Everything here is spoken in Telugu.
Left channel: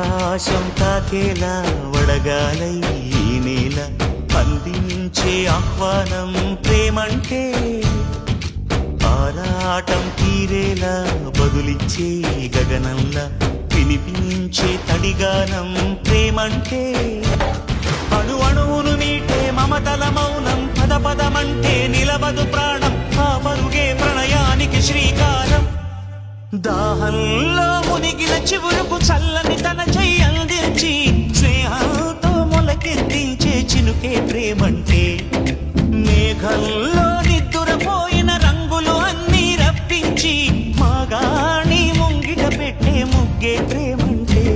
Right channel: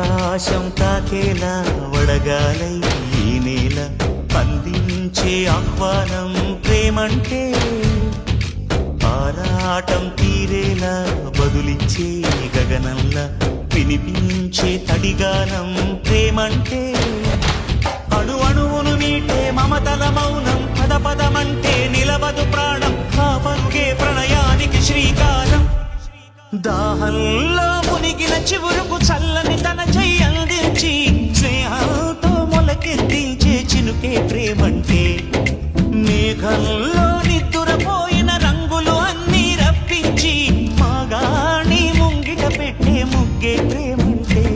ఆకాశం తాకేలా వడగాలై ఈ నేల అందించే ఆహ్వానం ప్రేమంటే ఆరాటం తీరేలా బదులిచ్చే గగనంలా వినిపించే తడిగానం ప్రేమంటే అణు అణువును మీటే మమతల మౌనం పద పదమంటే నిలవదు ప్రాణం ఆ పరుగే ప్రణయానికి శ్రీకారం దాహంలో మునిగిన చివురుకు చల్లని తన చెయ్యి అందించి స్నేహంతో మొలకెత్తించే చినుకే ప్రేమంటే మేఘంలో నిద్దురపోయిన రంగులు అన్నీ రప్పించి మాగాణి ముంగిట పెట్టే ముగ్గే ప్రేమంటే